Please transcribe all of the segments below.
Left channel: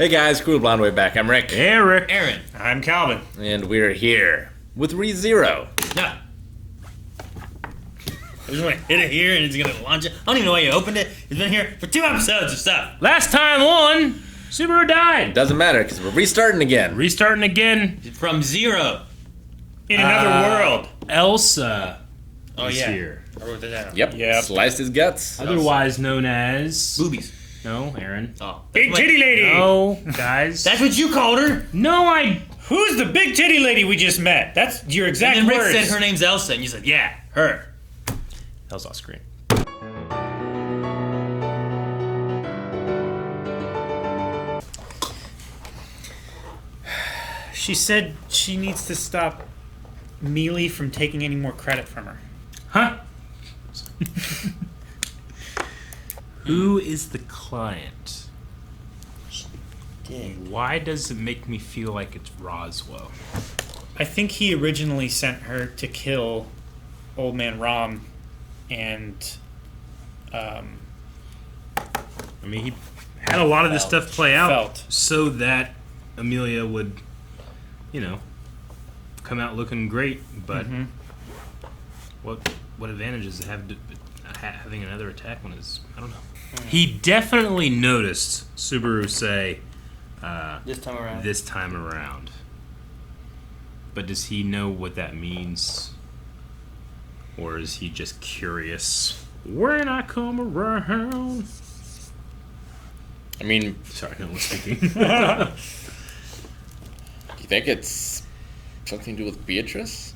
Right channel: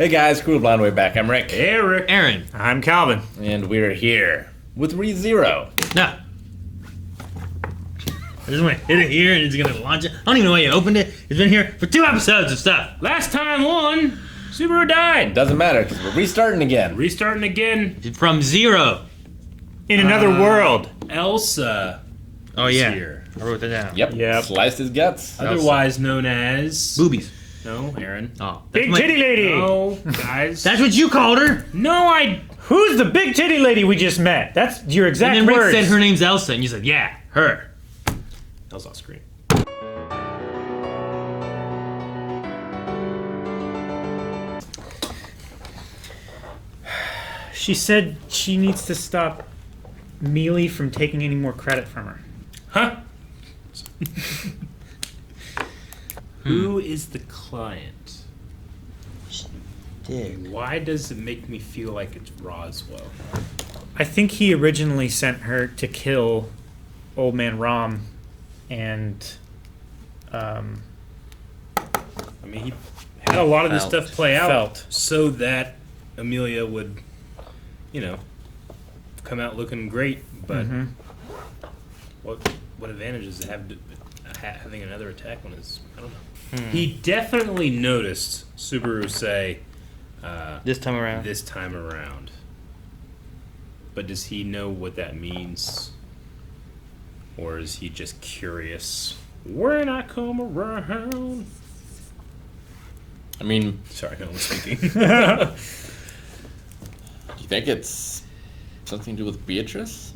Hey guys, Crew Blonde Way back. I'm Rick. Hey, Rick. Aaron. I'm Calvin. And we're here with ReZero. No. I just want to hit it here and it's going to launch it. I don't even know why you opened it. It's been here for 2 episodes of stuff. Last time on, Subaru died. Doesn't matter because we're restarting again. Restarting again. From zero. In another world. Elsa is yeah. here. I wrote that down. Yep. Sliced his guts. Otherwise known as... Boobies. No, Aaron. Oh. Big titty lady. No, guys. That's what you called her. No, I... Who's the big titty lady we just met? That's your exact And then Rick words. said her name's Elsa, and you said, yeah, her. That was off screen. She said she needs to stop Mealy from taking any more credit from her. Huh? Who is the client? Why does it make me feel like it's Roswell? I think he originally sent her to kill Old Man Rom and I mean, he had a lot of this stuff play out Felt. so that Amelia would, you know, come out looking great. But what advantages does it have to having another attack when it's, I don't know. He definitely noticed Subaru say This time around. this time around. But does he know what that means? Or is he just curious? When I come around. I mean, Sorry, no one's thinking. do you think it's something to do with Beatrice?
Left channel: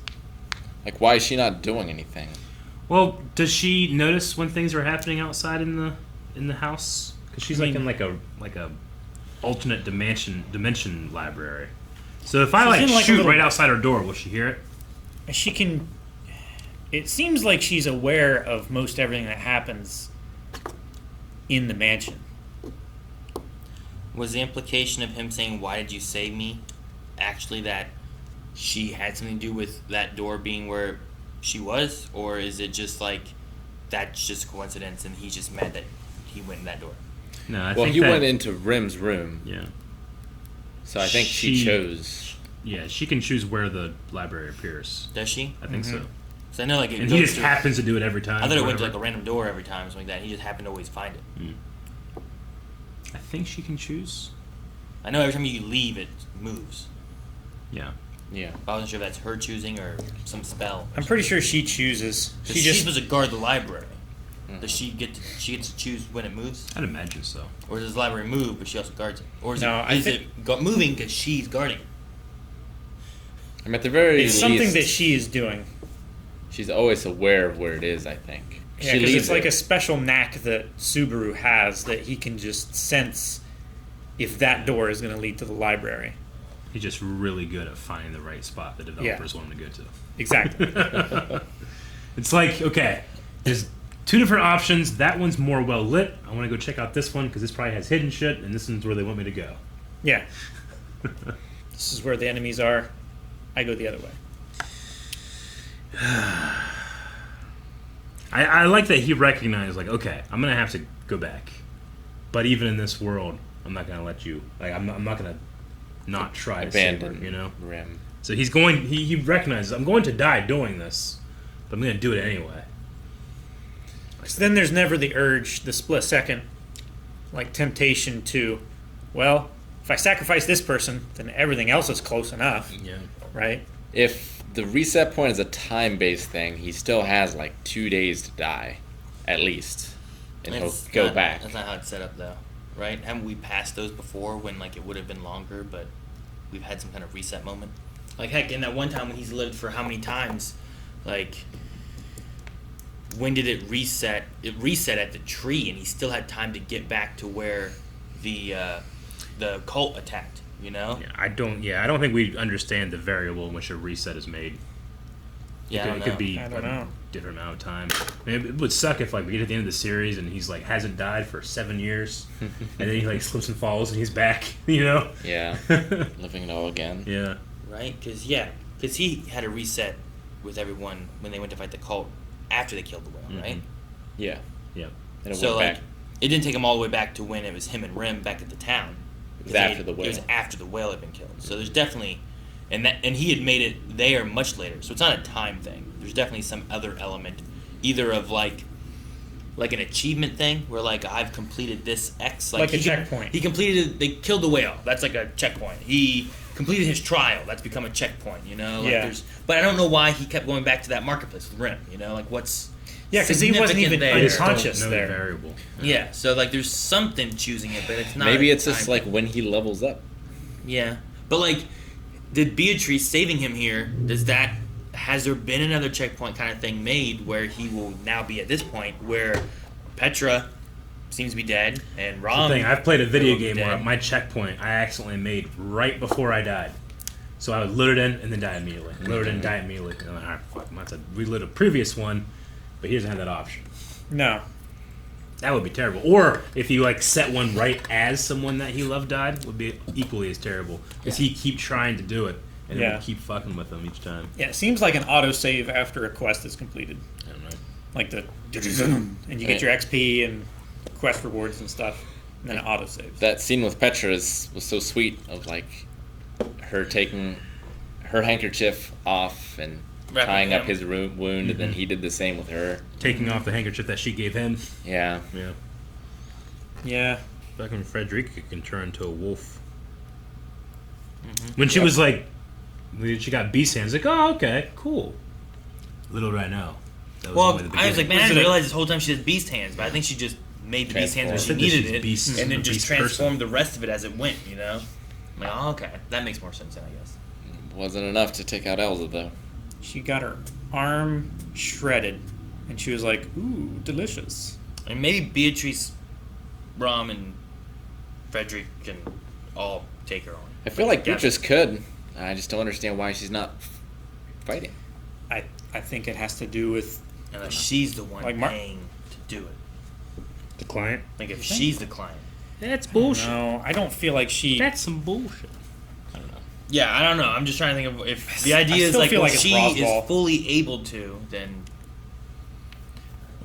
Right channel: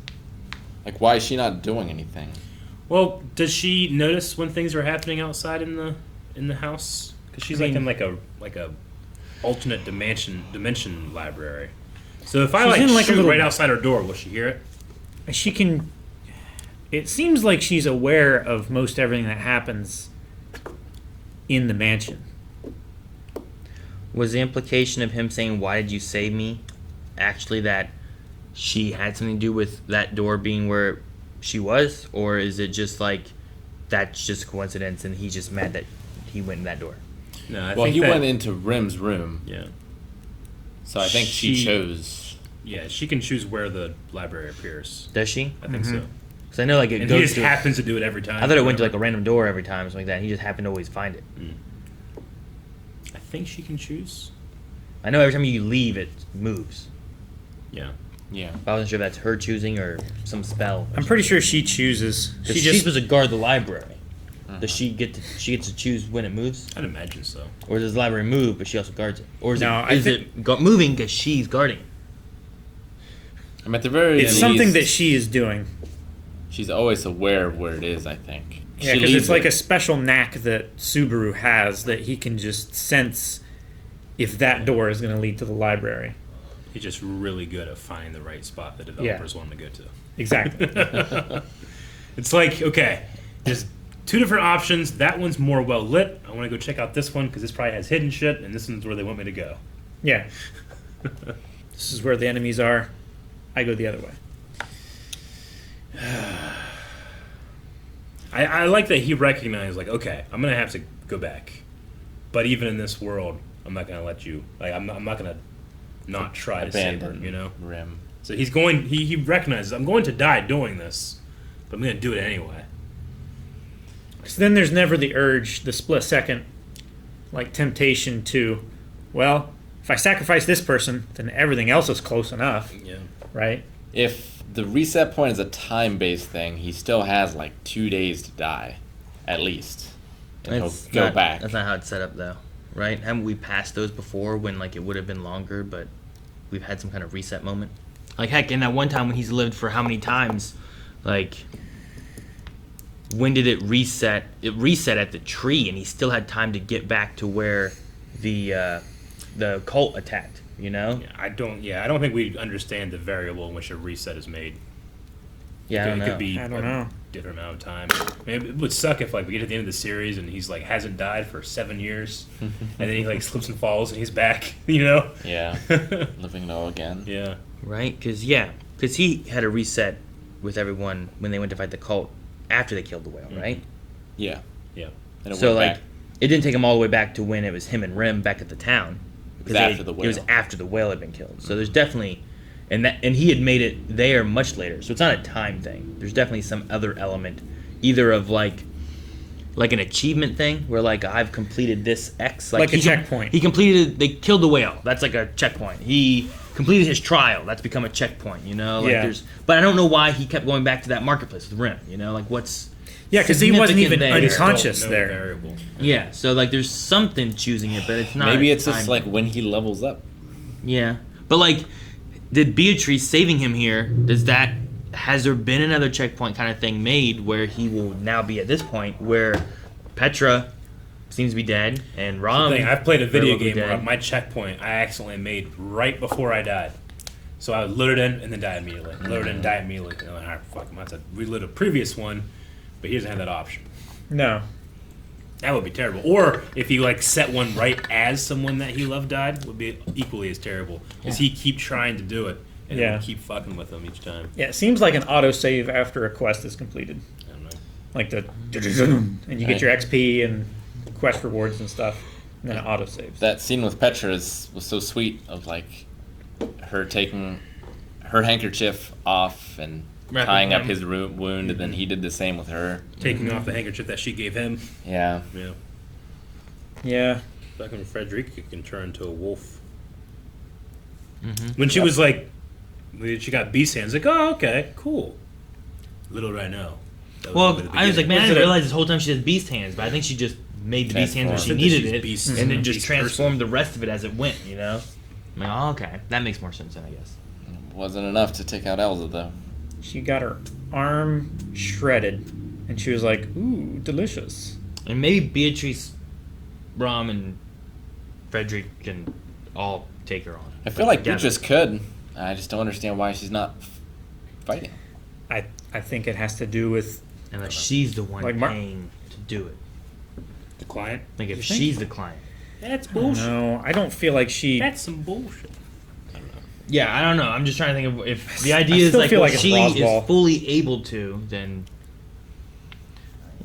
Like, why is she not doing anything? Well, does she notice when things are happening outside in the house? Because she's in like a alternate dimension library. So if I She's in, like, a shoot little- right outside her door, will she hear it? she can... It seems like she's aware of most everything that happens in the mansion. Was the implication of him saying, why did you save me, actually that she had something to do with that door being where she was? Or is it just like, that's just coincidence and he's just mad that he went in that door? No, I Well, think he that, went into Rim's room, Yeah, so I think she chose. yeah, she can choose where the library appears. Does she? I think so. Because I know like it And he goes just to... happens to do it every time. I thought it went to like whatever. a random door every time, something like that. And he just happened to always find it. I think she can choose. I know every time you leave, it moves. Yeah. Yeah. But I wasn't sure if that's her choosing or some spell. I'm pretty sure she chooses. Because She she's just... supposed to guard the library. Does she get to? She gets to choose when it moves, I'd imagine so. or does the library move but she also guards it, or is No, it I is think- it moving because she's guarding? I mean, at the very It's least, something that she is doing. she's always aware of where it is, I think. Yeah, She because leaves it's like it. a special knack that Subaru has that he can just sense if that door is going to lead to the library. He's just really good at finding the right spot the developers want him to go to. Exactly. It's like, okay, there's 2 different options. That one's more well lit. I want to go check out this one because this probably has hidden shit, and this one's where they want me to go. Yeah. This is where the enemies are. I go the other way. I like that he recognized, like, okay, I'm gonna have to go back, but even in this world, I'm not gonna let you. Like, I'm not gonna not try to save her. Abandon You know. Rim. So he's going. He recognizes I'm going to die doing this, but I'm gonna do it anyway. So then there's never the urge, the split second, like temptation to, well, if I sacrifice this person, then everything else is close enough, Yeah. right? If the reset point is a time-based thing, he still has like 2 days to die, at least, and he'll go back. That's not how it's set up though, right? Haven't we passed those before when like it would have been longer, but we've had some kind of reset moment? Like heck, in that one time when he's lived for how many times, like. When did it reset? It reset at the tree, and he still had time to get back to where the cult attacked. You know? I don't think we understand the variable in which a reset is made. Yeah, I don't It know. could be I don't like know. a different amount of time. Maybe it would suck if like we get to the end of the series and he's like hasn't died for 7 years, and then he like slips and falls and he's back. You know? Yeah. Living low again. Yeah. Right? Because he had a reset with everyone when they went to fight the cult after they killed the whale, right? Yeah. Yeah. And it So went like, back. it didn't take him all the way back to when it was him and Rim back at the town. It was after the It whale. was after the whale had been killed. So there's definitely, and he had made it there much later. So it's not a time thing. There's definitely some other element, either of like an achievement thing where like I've completed this X, Like a checkpoint. He completed. They killed the whale. That's like a checkpoint. He completed his trial. That's become a checkpoint. You know, like Yeah. But I don't know why he kept going back to that marketplace with Rim. You know, like what's Yeah, because he wasn't even significant there? unconscious No there. variable. Yeah, so like there's something choosing it, but it's not. Maybe a it's just time like thing. when he levels up. Yeah, but like, did Beatrice saving him here? Has there been another checkpoint kind of thing made where he will now be at this point where Petra seems to be dead and Rom? I've played a very video well be game where dead. my checkpoint I accidentally made right before I died. So I would load it in and then die immediately. Load it in and die immediately. And I'm like, alright, fuck, I'm about to reload a previous one, but he doesn't have that option. No. That would be terrible. Or if you like set one right as someone that he loved died, would be equally as terrible. Because he keep trying to do it and it Yeah. would keep fucking with him each time. Yeah, it seems like an autosave after a quest is completed. I don't know. Like and you get your XP and quest rewards and stuff, and then it autosaves. That scene with Petra was so sweet, of like her taking her handkerchief off and Wrapping tying up him. his wound, and then he did the same with her. Taking off the handkerchief that she gave him. Yeah. Yeah. Yeah. Fucking Frederica can turn into a wolf. Mhm. When she was like, when she got beast hands, like, oh, okay, cool. Little did I know. That Well, only the I was like, beginning. man, I Was didn't it a- realize this whole time she has beast hands, but I think she just made the beast hands when she Transformed. needed She's it, beast- and then just beast transformed the rest of it as it went. You know, I'm like, oh, okay, that makes more sense then, I guess. Wasn't enough to take out Elsa though. She got her arm shredded, and she was like, "Ooh, delicious." And maybe Beatrice, Rom, and Frederick can all take her on. I feel like together. Beatrice could. I just don't understand why she's not fighting. I think it has to do with And like she's the one Like paying to do it. The client? Like if You think? she's the client. That's bullshit. No, I don't feel like she. That's some bullshit. Yeah, I don't know. I'm just trying to think of if the I idea is still like feel if like it's she Roswell. is fully able to, then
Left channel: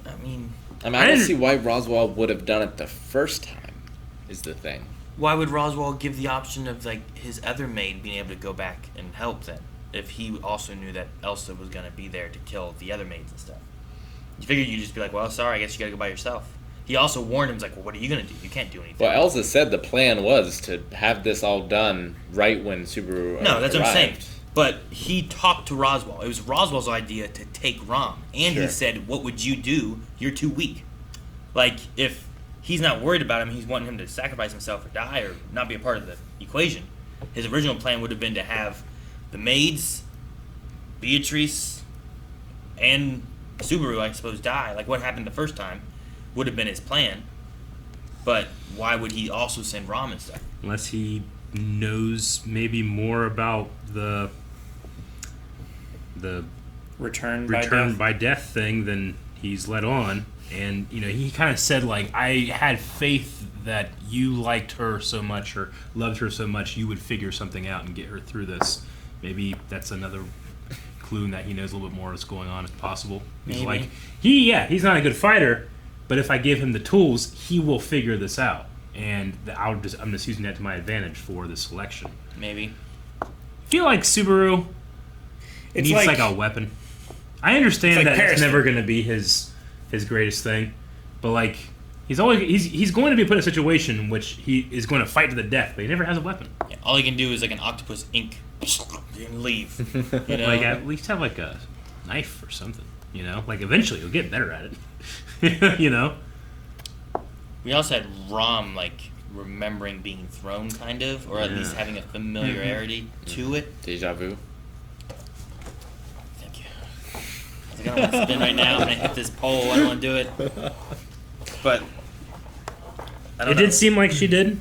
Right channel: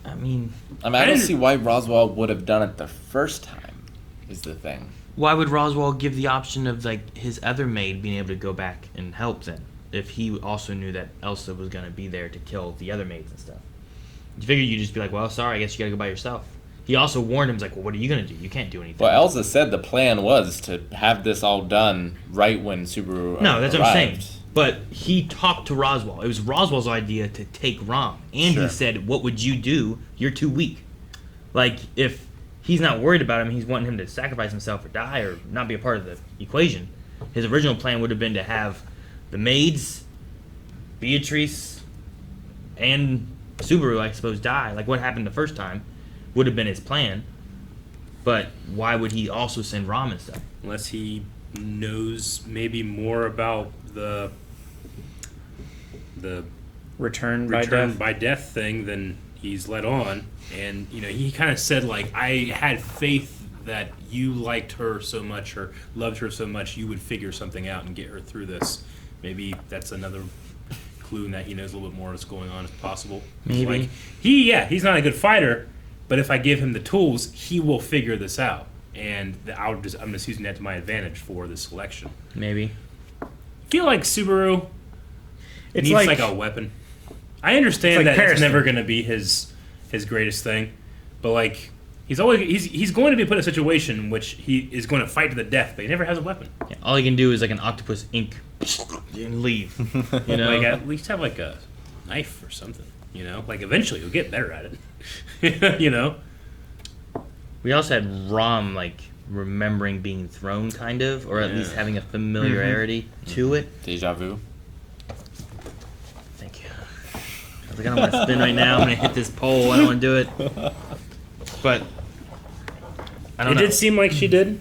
I mean, I mean, I I don't didn't- see why Roswell would have done it the first time. Is the thing. why would Roswell give the option of like his other maid being able to go back and help then? If he also knew that Elsa was gonna be there to kill the other maids and stuff, you figured you'd just be like, well, sorry, I guess you gotta go by yourself. He also warned him, he's like, well, what are you gonna do? You can't do anything. Well, Elsa said the plan was to have this all done right when Subaru No, that's what I'm saying. arrived. But he talked to Roswell. It was Roswell's idea to take Rom. And he Sure. said, what would you do? You're too weak. Like, if he's not worried about him, he's wanting him to sacrifice himself or die or not be a part of the equation. His original plan would have been to have the maids, Beatrice, and Subaru, I suppose, die. Like what happened the first time would have been his plan. But why would he also send Rom and stuff? Unless he knows maybe more about the return by return death. by death thing than he's let on. And, you know, he kind of said, like, I had faith that you liked her so much or loved her so much you would figure something out and get her through this. Maybe that's another clue that he knows a little bit more what's going on if possible. Maybe. Like, he's not a good fighter, but if I give him the tools, he will figure this out. And I'm just using that to my advantage for the selection. Maybe. I feel like Subaru It's needs like, like a weapon. I understand It's like that it's Periscope. never going to be his greatest thing, but like he's going to be put in a situation in which he is going to fight to the death, but he never has a weapon. Yeah, all he can do is like an octopus ink and leave. You know? Like at least have like a knife or something. You know, like eventually you'll get better at it. You know, We also had Rom like remembering being thrown, kind of, or at Yeah. least having a familiarity to it. Deja vu. Thank you. I was like, I don't want to spin right now. I'm gonna hit this pole. I don't want to do it. But I don't it know. did seem like she did.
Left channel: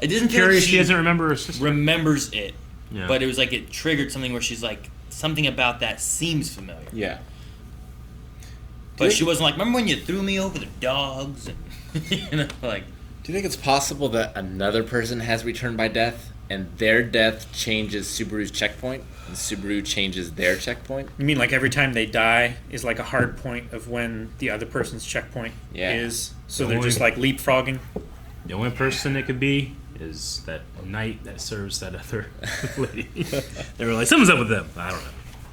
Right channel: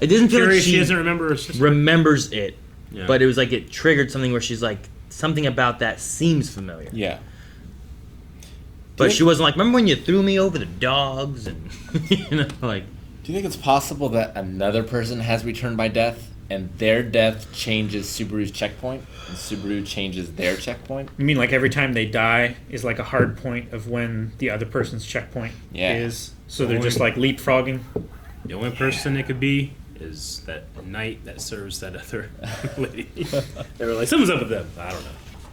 It doesn't feel Curious, like she doesn't remember her sister. remembers it, Yeah. but it was like it triggered something where she's like, something about that seems familiar. Yeah. But she wasn't like, remember when you threw me over the dogs and you know, like. Do you think it's possible that another person has returned by death, and their death changes Subaru's checkpoint, and Subaru changes their checkpoint? You mean like every time they die is like a hard point of when the other person's checkpoint Yeah. is? So The they're only- just like leapfrogging. The only person it could be is that knight that serves that other lady. They were like, something's up with them. I don't know.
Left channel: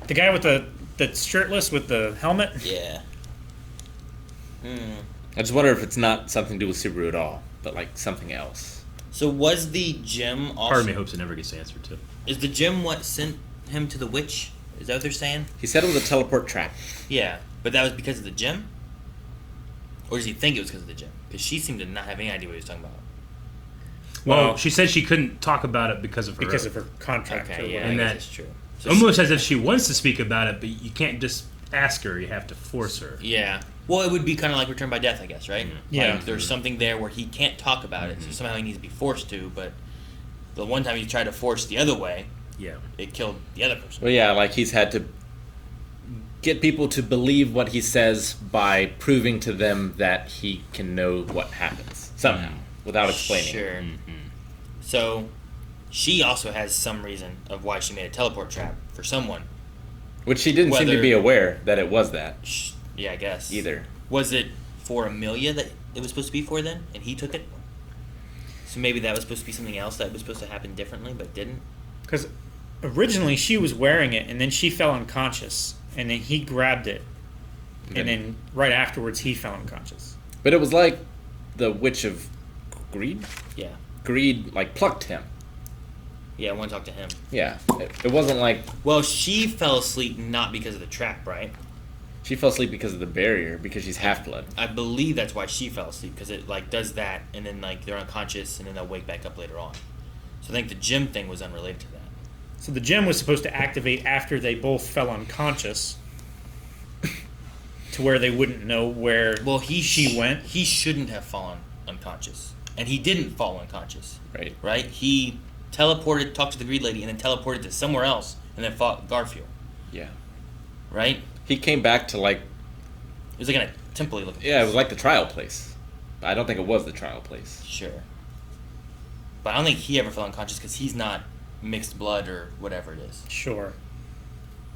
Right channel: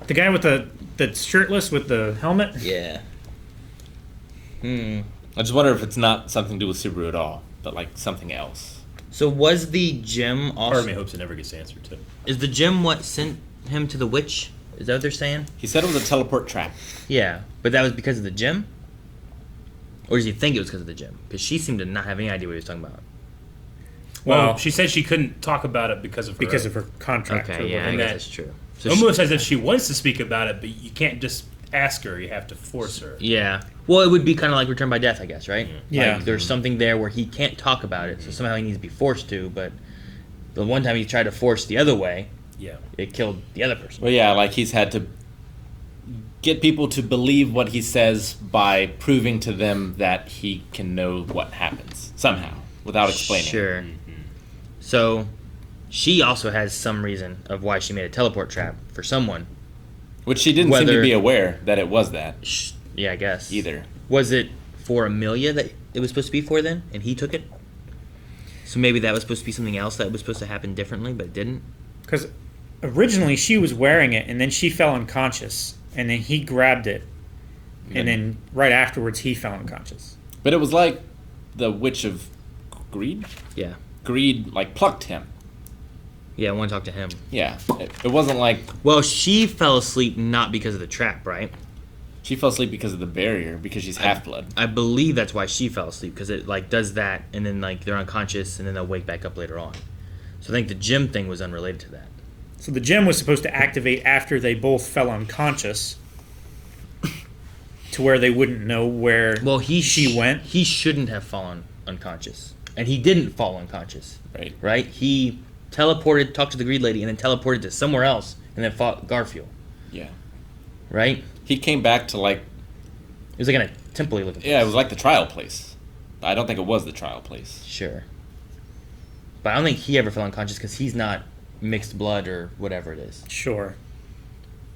The guy with the shirtless with the helmet. Yeah. I just wonder if it's not something to do with Subaru at all, but like something else. So was the gym also? Part of me hopes it never gets answered too. Is the gym what sent him to the witch? Is that what they're saying? He said it was a teleport trap. Yeah, but that was because of the gym? Or does he think it was because of the gym? Because she seemed to not have any idea what he was talking about. Well, she said she couldn't talk about it because of her contract. Okay, yeah, I And guess that- that's true. So Almost as if she wants to speak about it, but you can't just ask her. You have to force her. yeah. Well, it would be kind of like Return by Death, I guess, right? Yeah. Like, there's something there where he can't talk about it, so somehow he needs to be forced to, but the one time he tried to force the other way, Yeah. it killed the other person. Well, yeah, like he's had to get people to believe what he says by proving to them that he can know what happens somehow without explaining. Sure. So, she also has some reason of why she made a teleport trap for someone. Which she didn't seem Whether- to be aware that it was that Yeah, I guess. either. Was it for Amelia that it was supposed to be for then, and he took it? So maybe that was supposed to be something else that was supposed to happen differently, but didn't? Because originally she was wearing it, and then she fell unconscious, and then he grabbed it, and then right afterwards he fell unconscious. But it was like the Witch of Greed? Yeah. Greed, like, plucked him. Yeah, I want to talk to him. Yeah. It wasn't like Well, she fell asleep not because of the trap, right? she fell asleep because of the barrier, because she's half-blood. I believe that's why she fell asleep, because it like does that, and then like they're unconscious, and then they'll wake back up later on. So I think the gym thing was unrelated to that. So the gem was supposed to activate after they both fell unconscious, to where they wouldn't know where Well, she went. He shouldn't have fallen unconscious, and he didn't fall unconscious, Right. right? He teleported, talked to the greed lady, and then teleported to somewhere else, and then fought Garfield, Yeah. right? He came back to, like, It was like in a temple looking place. yeah, it was like the trial place. But I don't think it was the trial place. Sure. But I don't think he ever fell unconscious because he's not mixed blood or whatever it is. Sure.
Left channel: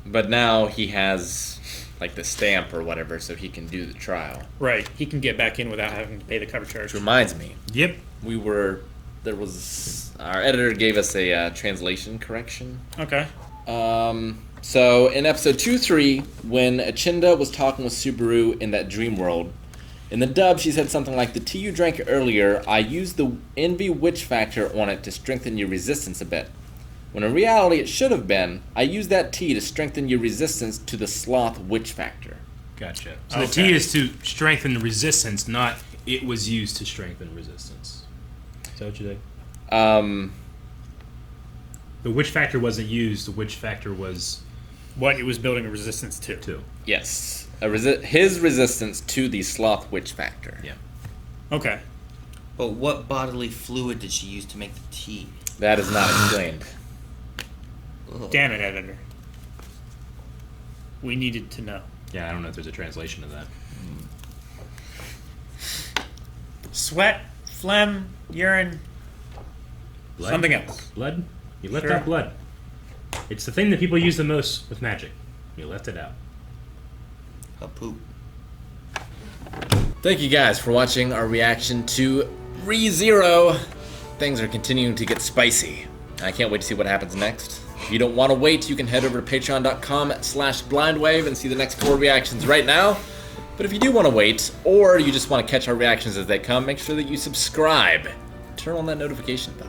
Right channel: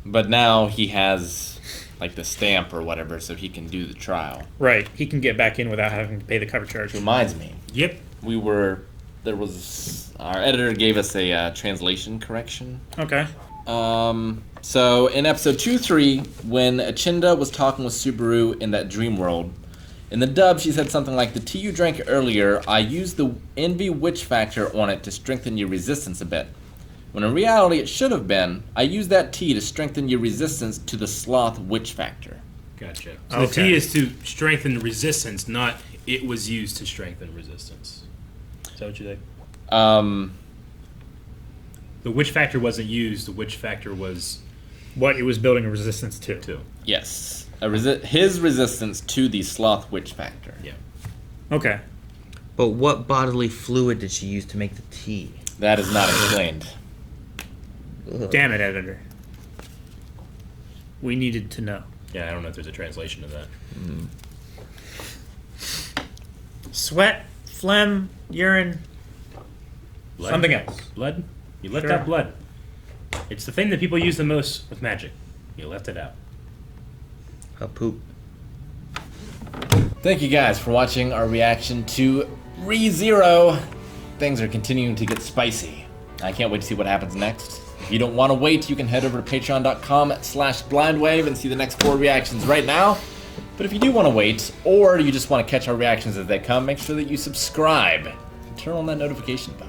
But now he has, like, the stamp or whatever, so he can do the trial. Right. He can get back in without having to pay the cover charge. Reminds me. Yep. Our editor gave us a translation correction. Okay. So in episode 2-3, when Achinda was talking with Subaru in that dream world, in the dub she said something like, "The tea you drank earlier, I used the envy witch factor on it to strengthen your resistance a bit. When in reality it should have been, I used that tea to strengthen your resistance to the sloth witch factor." Gotcha. So the Okay. T is to strengthen resistance, not it was used to strengthen resistance. Is that what you think? The witch factor wasn't used. The witch factor was What it was building a resistance to. two. Yes. His resistance to the sloth witch factor. Yeah. Okay. But what bodily fluid did she use to make the tea? That is not explained. Damn it, editor. We needed to know. Yeah, I don't know if there's a translation of that. Sweat, phlegm, urine, Blood? something else. Blood? You left Sure. out blood. It's the thing that people use the most with magic. You left it out. A poop. Thank you guys for watching our reaction to ReZero. Things are continuing to get spicy. I can't wait to see what happens next. If you don't want to wait, you can head over to patreon.com/blindwave and see the next 4 reactions right now. But if you do want to wait, or you just want to catch our reactions as they come, make sure that you subscribe and turn on that notification bell.